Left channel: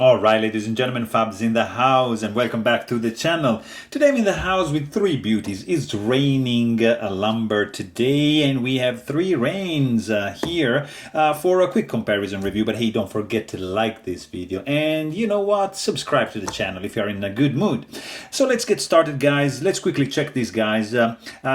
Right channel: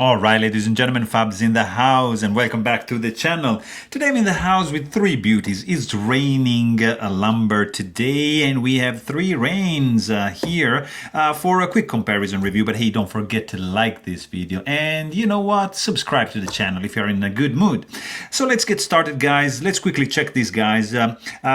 Alright, ladies and gentlemen, Fabs in the house, and welcome back to the channel. Today I'm in the house with three beauties. It's raining a lumber today, and we have three rains here for a quick comparison review. But hey, don't forget to like this video, and you know what? Subscribe to the channel if you're in a good mood. So let's get started, guys. Let's quickly check these guys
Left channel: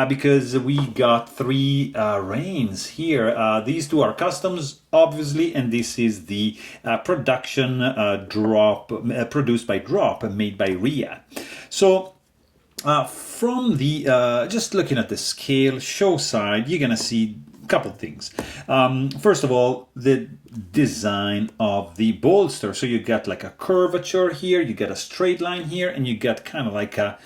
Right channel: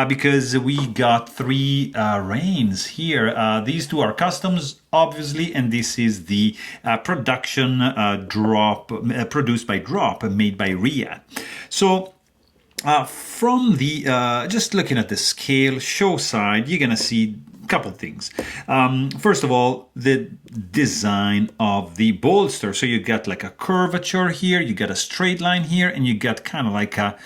because we got three rains here. These two are customs, obviously, and this is the production drop produced by Drop, made by Ria. So from the just looking at the scale show side, you're gonna see a couple things. First of all, the design of the bolster. So you got like a curvature here, you got a straight line here, and you got kind of like a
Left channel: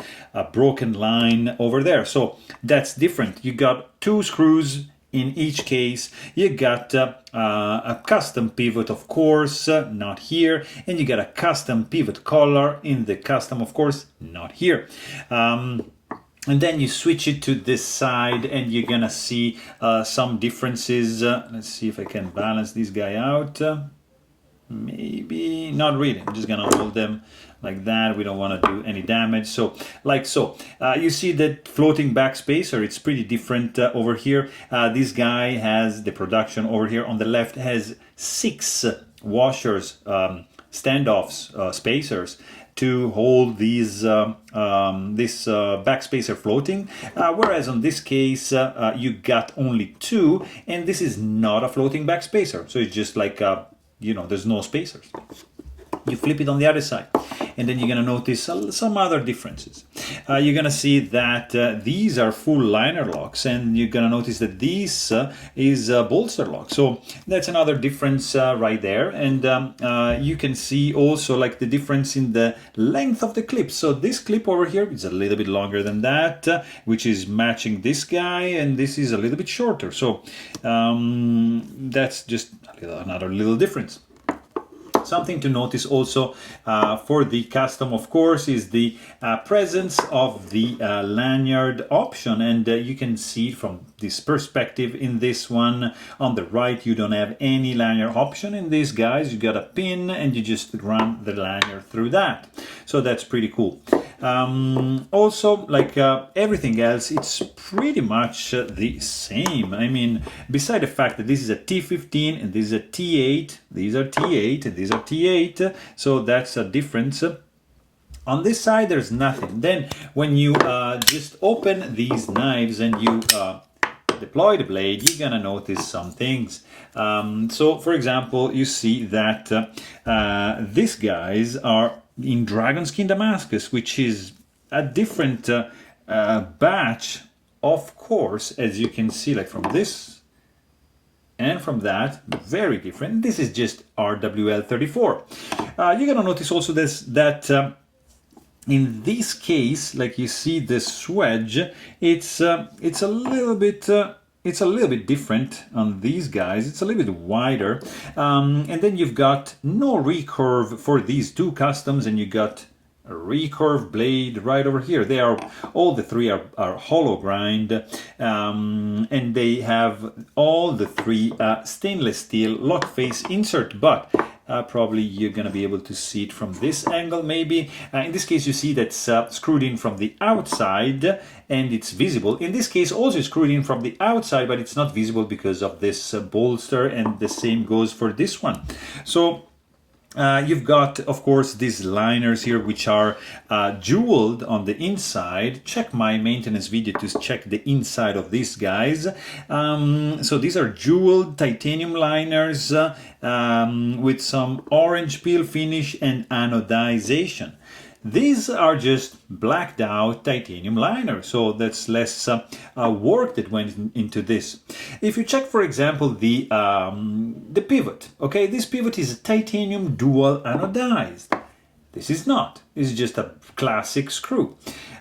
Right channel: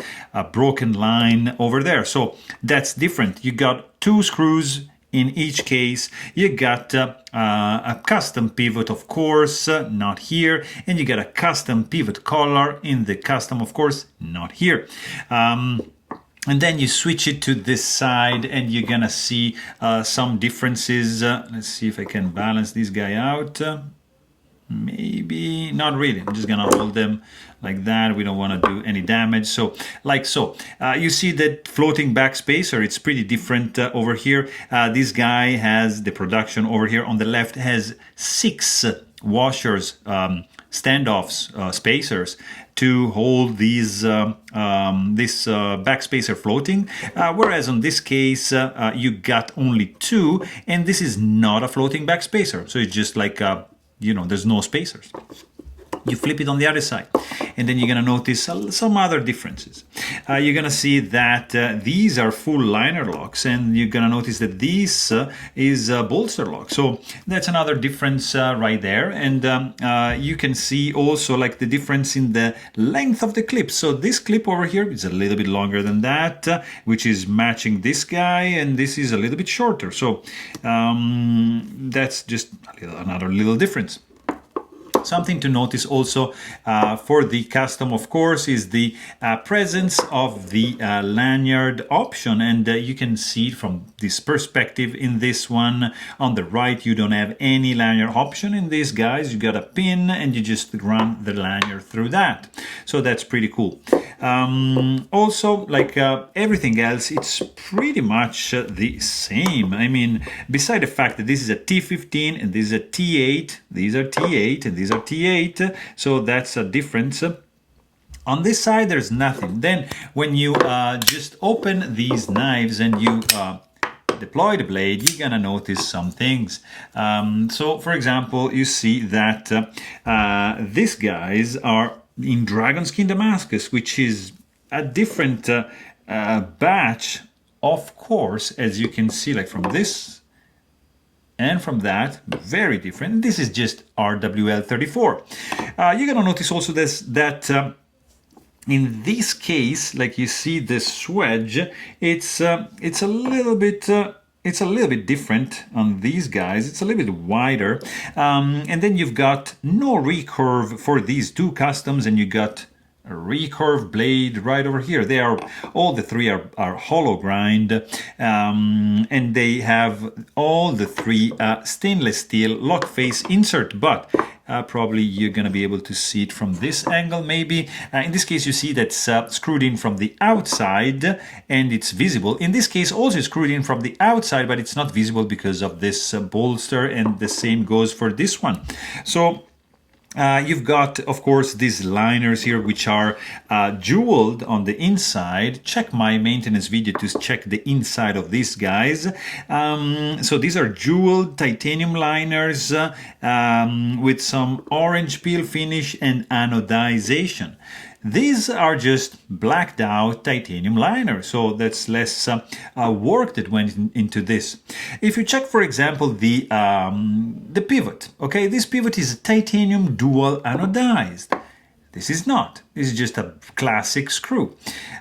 broken line over there. So that's different. You got two screws in each case. You got a custom pivot, of course, not here, and you got a custom pivot collar in the custom, of course, not here. And then you switch it to this side and you're gonna see some differences. Let's see if I can balance this guy out. Maybe not really. I'm just gonna hold them like that. We don't want to do any damage. So like so, you see that floating back spacer, it's pretty different over here. This guy has the production over here on the left, has 6 washers, standoffs, spacers to hold these this back spacer floating, whereas on this case you got only 2, and this is not a floating back spacer, so it's just like you know, there's no spacers. You flip it on the other side, and then you're gonna notice some other differences. You're gonna see that these are full liner locks, and you're gonna notice that this is a bolster lock. So that's another difference right there. And you can see also like the difference in the length of the clip. So this clip over here is a little bit longer than that, which is matching this guy, and this is a little bit shorter. So that's just another little difference. Something to notice also for the custom, of course, is the presence of the lanyard option, and you can see from this perspective in this one on the right, you don't have any lanyard option. In these guys, you got a pin and you just run the lanyard through that. So that's pretty cool. Also, like everything else, it's pretty much the same. I mean, beside the fact that this is a T15 and this is a T8, these are T8 and these are T8, so that's a difference. On this side, there's nothing. Then when you just open these knives and you deploy the blade, you're gonna notice some things. So for example, you see that these guys are in Dragon Skin Damascus, which is a different batch, of course, as you can see, like from this and from that, very different. This is just RWL34. You're gonna notice also this, that in this case, like you see this wedge, it's a little bit different on these guys. It's a little bit wider, and then you've got no recurve for these two customs, and you got a recurve blade right over here. They are all the three are hollow grind, and they have all the three stainless steel lock face insert, but probably you're going to be able to see it from this angle maybe. In this case, you see that's screwed in from the outside and it's visible. In this case, also screwed in from the outside, but it's not visible because of this bolster, and the same goes for this one. So you've got, of course, these liners here, which are jeweled on the inside. Check my maintenance video to check the inside of these guys. So these are jeweled titanium liners with some orange peel finish and anodization. These are just blacked out titanium liner, so that's less work that went into this. If you check, for example, the pivot, okay, this pivot is a titanium dual anodized. This is not. This is just a classic screw.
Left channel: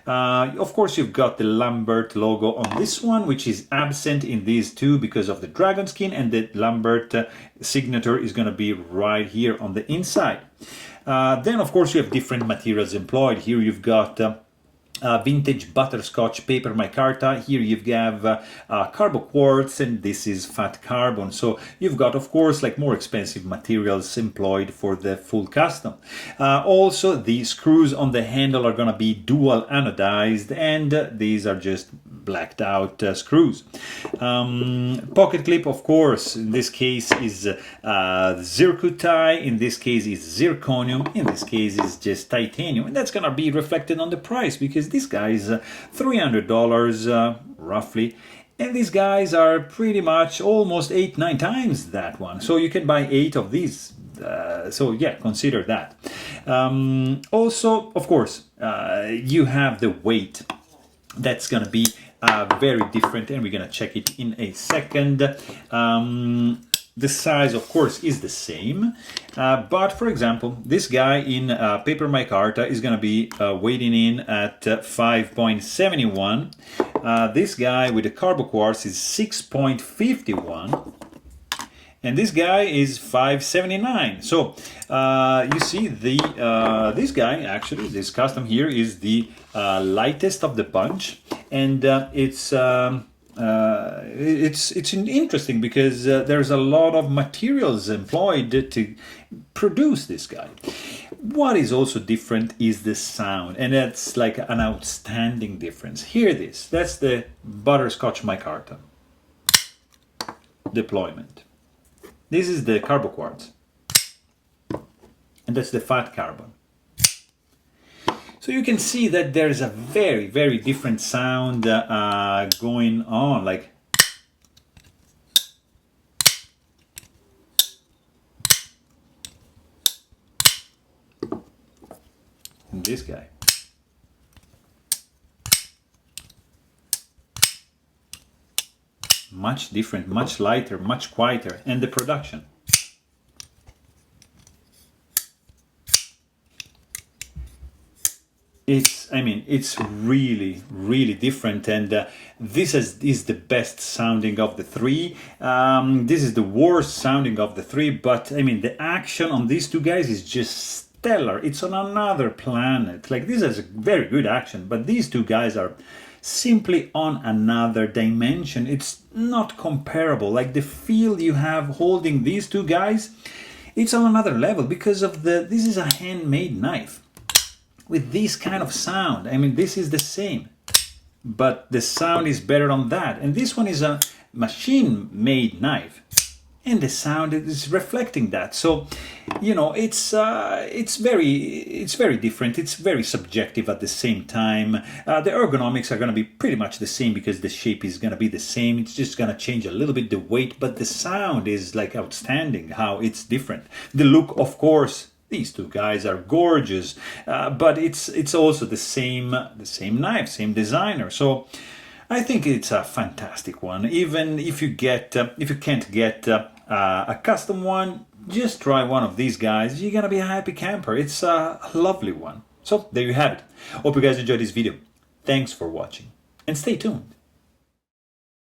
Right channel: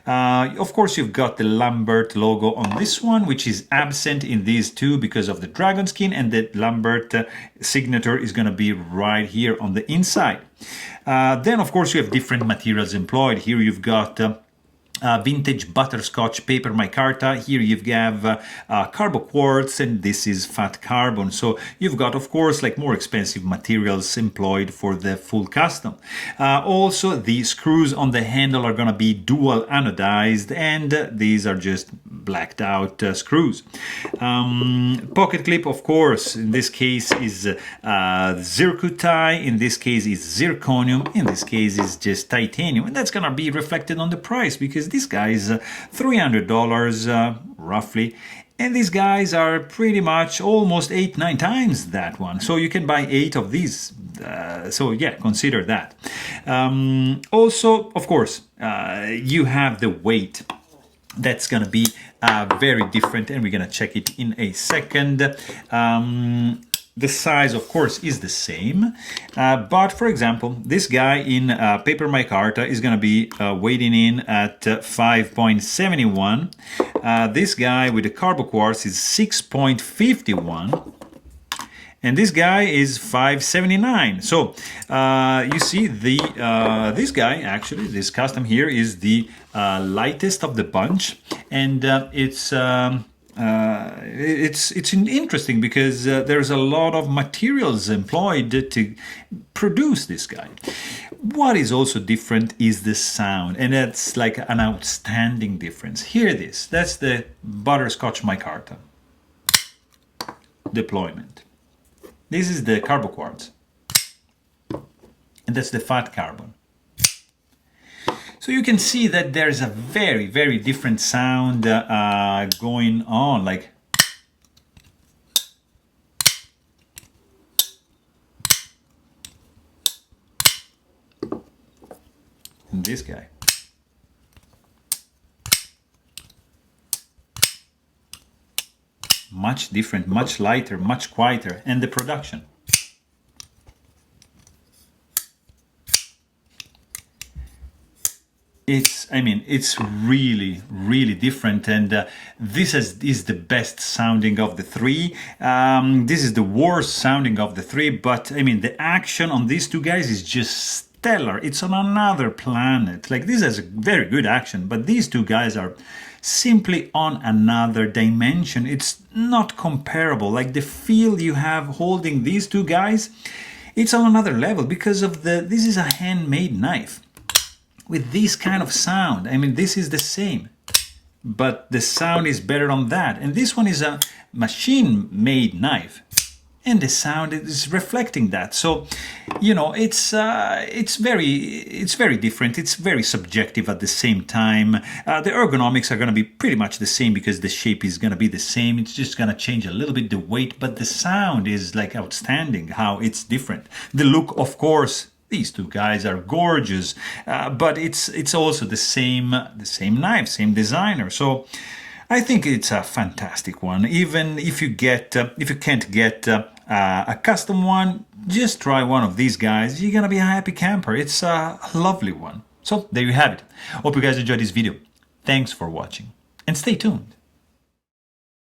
Of course, you've got the Lambert logo on this one, which is absent in these two because of the dragon skin, and the Lambert signature is going to be right here on the inside. Then, of course, you have different materials employed. Here you've got vintage butterscotch paper micarta. Here you have carbo quartz, and this is fat carbon. So you've got, of course, like more expensive materials employed for the full custom. Also, the screws on the handle are going to be dual anodized, and these are just blacked out screws. Pocket clip, of course, in this case is zircuti, in this case is zirconium, in this case is just titanium, and that's gonna be reflected on the price because this guy is $300 roughly, and these guys are pretty much almost 8-9 times that one, so you can buy 8 of these. So yeah, consider that. Also, of course, you have the weight. That's gonna be very different, and we're gonna check it in a second. The size, of course, is the same, but for example, this guy in paper micarta is gonna be weighing in at 5.71. This guy with the carbo quartz is 6.51. And this guy is 579. So you see this guy, actually, this custom here is the lightest of the bunch, and it's interesting because there's a lot of materials employed to produce this guy. What is also different is the sound, and that's like an outstanding difference. Hear this. That's the butterscotch micarta deployment. This is the carbo quartz, and that's the fat carbon. So you can see that there's a very, very different sound going on, like this guy. Much different, much lighter, much quieter, and the production. It's really, really different, and this is the best sounding of the three. This is the worst sounding of the three, but the action on these two guys is just stellar. It's on another planet. Like, this has a very good action, but these two guys are simply on another dimension. It's not comparable. Like, the feel you have holding these two guys, it's on another level because of this is a handmade knife with this kind of sound. This is the same, but the sound is better on that. And this one is a machine-made knife, and the sound is reflecting that. So, it's very different. It's very subjective at the same time. The ergonomics are going to be pretty much the same because the shape is going to be the same. It's just going to change a little bit the weight, but the sound is like outstanding how it's different. The look, of course, these two guys are gorgeous, but it's also the same knife, same designer. So I think it's a fantastic one. Even if you can't get a custom one, just try one of these guys. You're gonna be a happy camper. It's a lovely one. So there you have it. Hope you guys enjoyed this video. Thanks for watching, and stay tuned.